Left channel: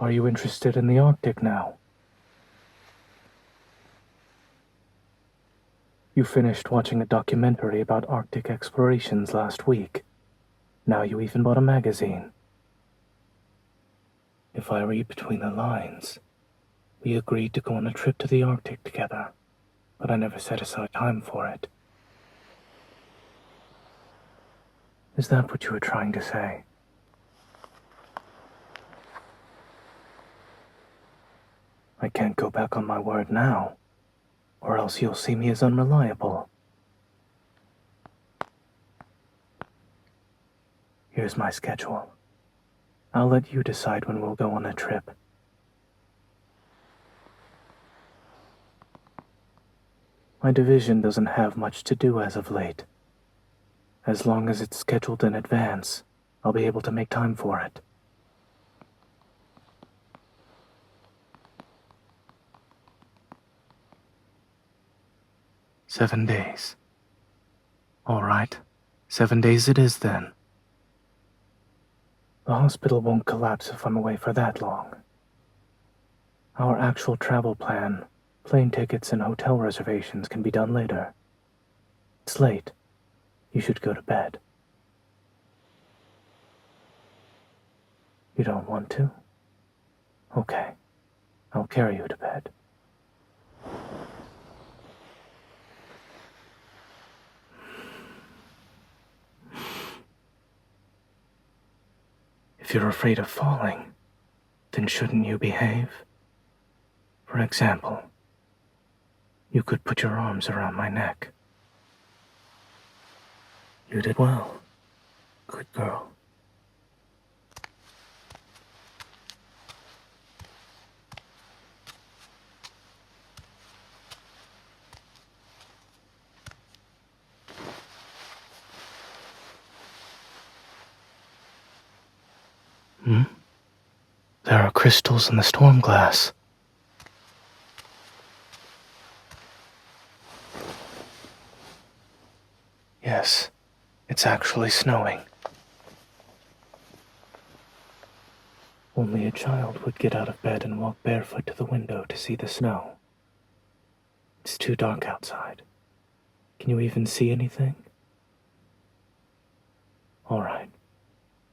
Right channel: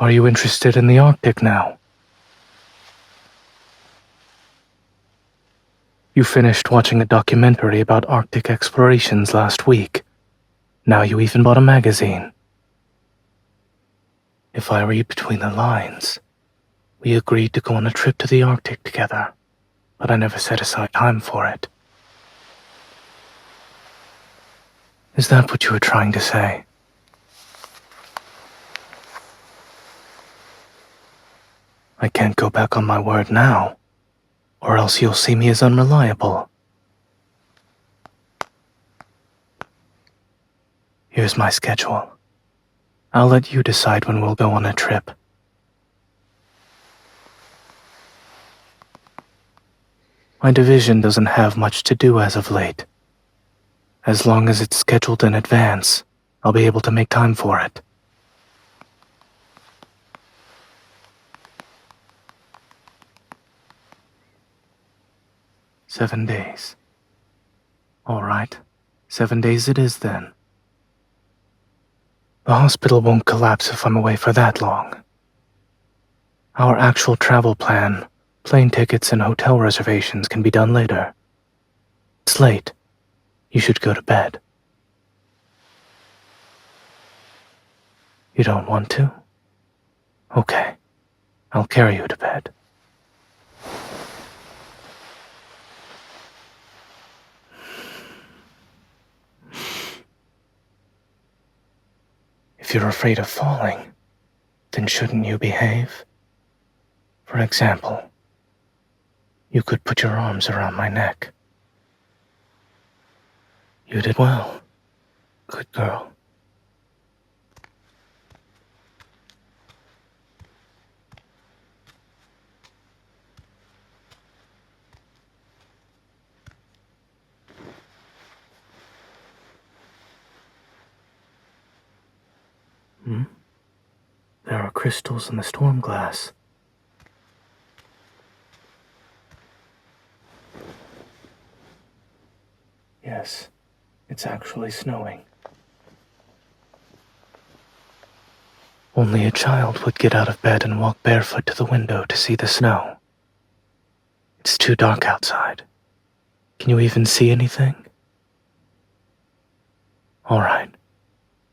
Are you interested in the Arctic now? You finished watching a documentary about Arctic explorations last week. Now you even bought a magazine. If I read between the lines, we agreed to go on a trip to the Arctic together, but I never set aside time for it. Is that what you were trying to say? I can't go back on my word now, or else you'll see me as unreliable. Here's my schedule. I'll let you decide when we'll go on a trip. My division doesn't have much to do as of late. As long as it's scheduled in advance, I'll be able to make time for it. "7 days. All right, 7 days it is then. The hospital won't collapse if I'm away for that long. Our actual travel plan, plane tickets and hotel reservations can be done later. It's late. You should go to bed." You don't want to? Okay, I'll carry you to bed. If you're afraid of falling, then shouldn't you behave? For example, you could put your arms around my neck. You did well. Good girl. There are crystals in the storm glass. Yes, it's actually snowing. Only a child would get out of bed and walk barefoot to the window to see the snow. It's too dark outside. Can you even see anything? All right,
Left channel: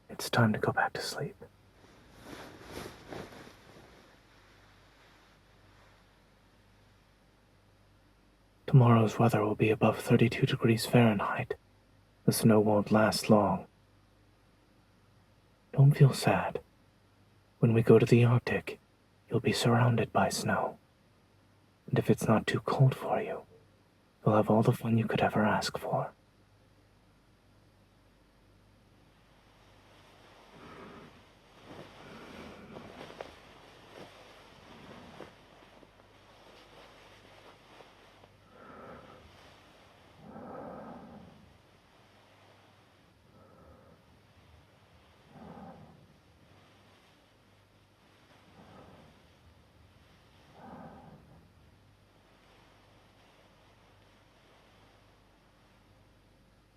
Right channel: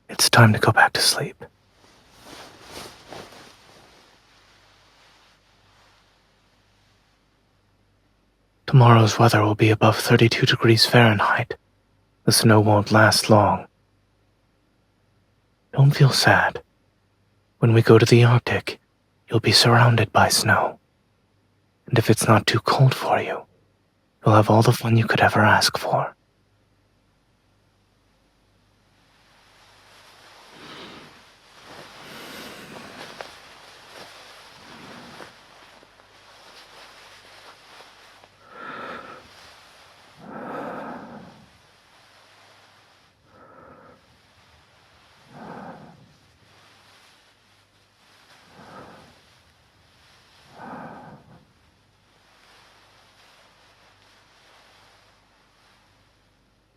it's time to go back to sleep. Tomorrow's weather will be above 32 degrees Fahrenheit. The snow won't last long. Don't feel sad. When we go to the Arctic, you'll be surrounded by snow. And if it's not too cold for you, you'll have all the fun you could ever ask for.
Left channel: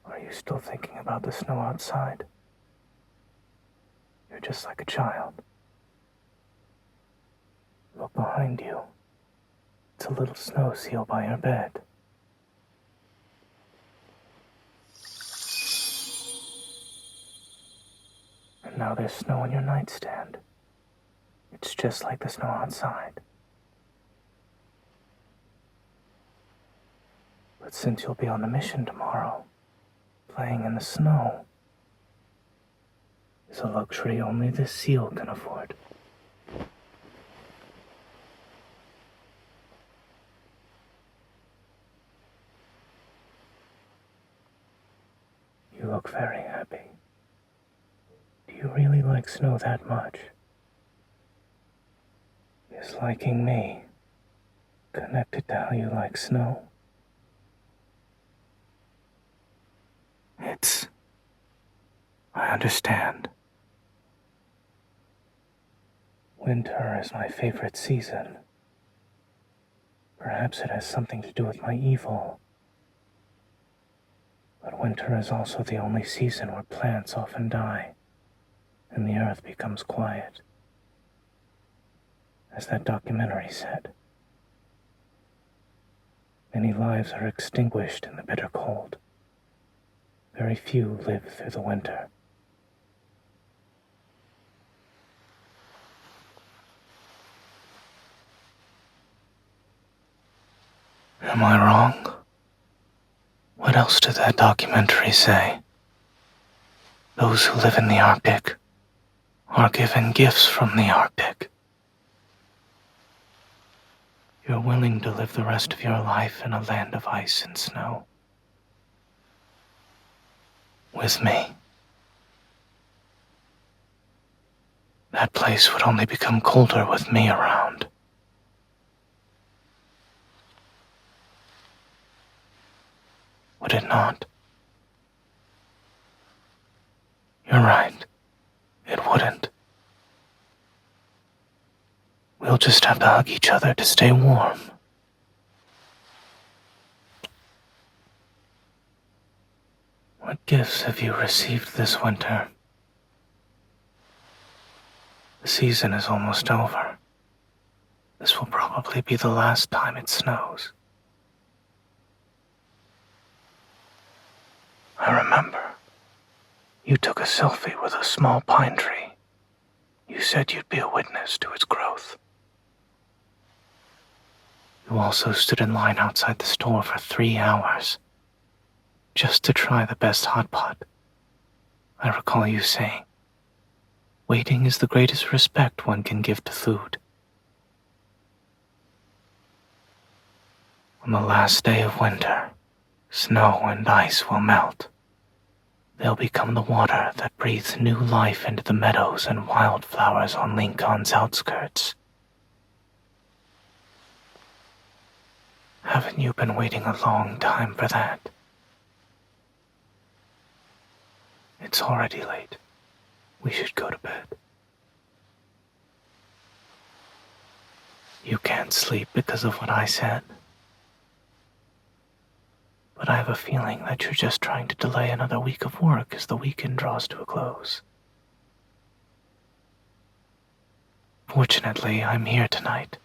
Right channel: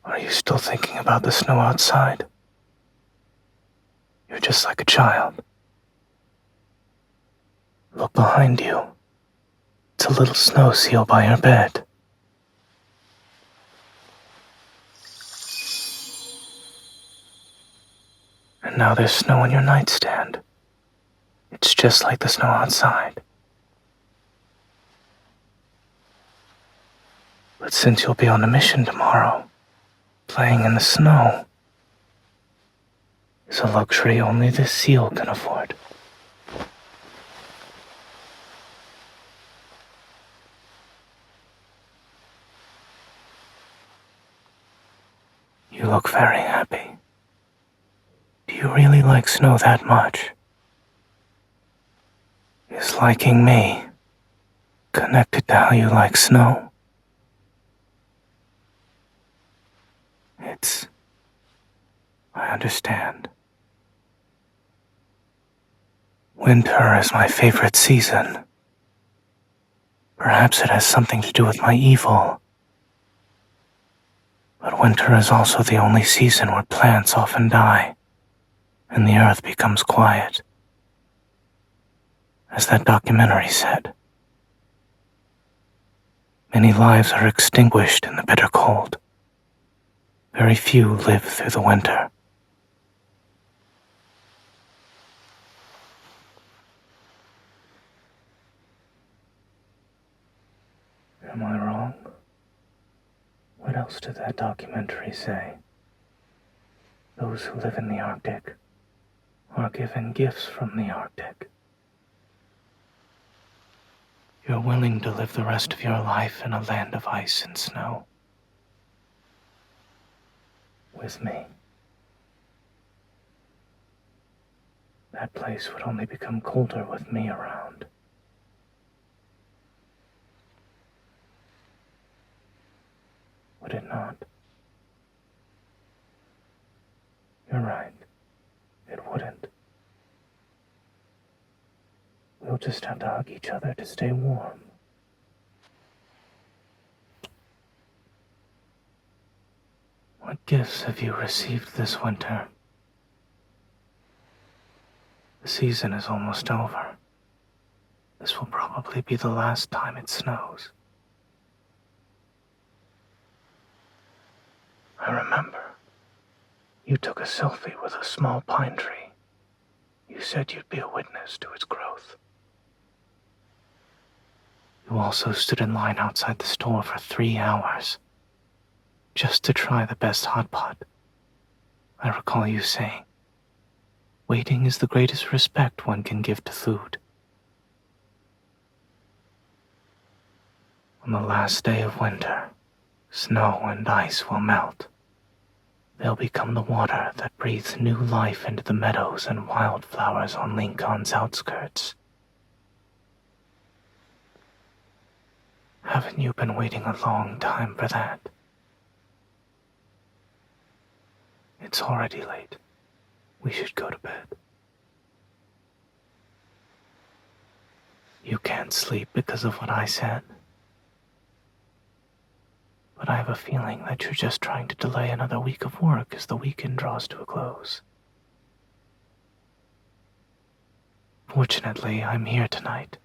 Are you still thinking about the snow outside? You're just like a child. Look behind you. It's a little snow seal by your bed. And now there's snow on your nightstand. It's just like the snow outside. But since you'll be on a mission tomorrow, playing in the snow is a luxury only this seal can afford. You look very happy. Do you really like snow that much? Is liking me connected to how you like snow? I understand. Winter is my favorite season. Perhaps it has something to do with my evil. But winter is also the only season where plants often die, and the earth becomes quiet. As that documentary said, many lives are extinguished in the bitter cold. Very few live through the winter. Am I wrong? What else did that documentary say? Those who live in the Arctic are given gifts from the Arctic. You're willing to live the rest of your life in a land of ice and snow. With me. That place would only become colder with me around. Would it not? You're right. It wouldn't. We'll just have to hug each other to stay warm. What gifts have you received this winter? The season is almost over. This will probably be the last time it snows. I remember. You took a selfie with a small pine tree. You said you'd be a witness to its growth. You also stood in line outside the store for 3 hours, just to try the best hot pot. I recall you saying, waiting is the greatest respect one can give to food. On the last day of winter, snow and ice will melt. They'll become the water that breathes new life into the meadows and wildflowers on Lincoln's outskirts. Haven't you been waiting a long time for that? It's already late. We should go to bed. You can't sleep because of what I said. But I have a feeling that you're just trying to delay another week of work as the weekend draws to a close. Fortunately, I'm here tonight.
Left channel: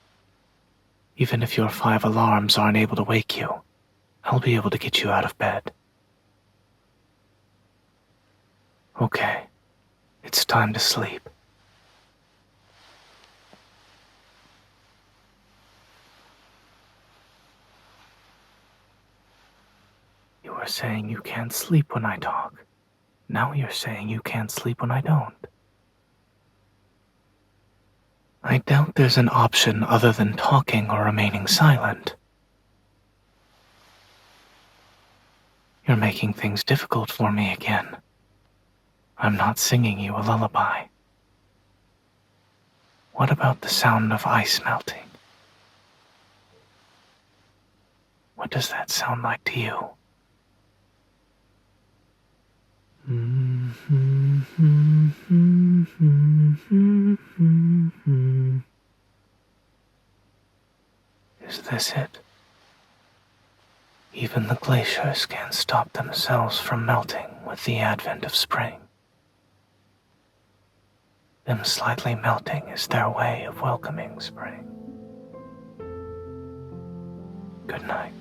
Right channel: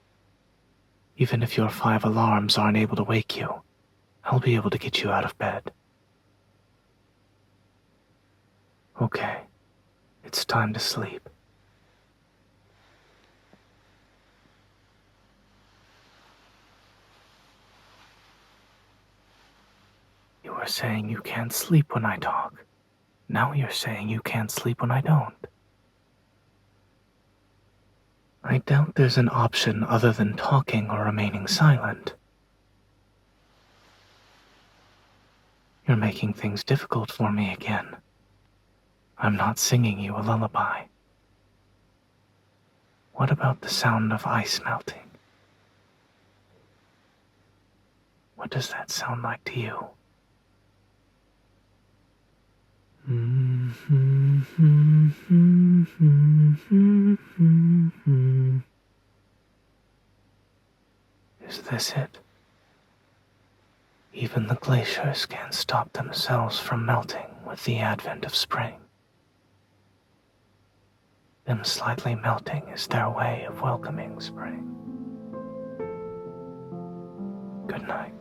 Even if your 5 alarms aren't able to wake you, I'll be able to get you out of bed. Okay, it's time to sleep. You were saying you can't sleep when I talk. Now you're saying you can't sleep when I don't. I doubt there's an option other than talking or remaining silent. You're making things difficult for me again. I'm not singing you a lullaby. What about the sound of ice melting? What does that sound like to you? Is this it? Even the glaciers can't stop themselves from melting with the advent of spring. Them slightly melting is their way of welcoming spring. Good night.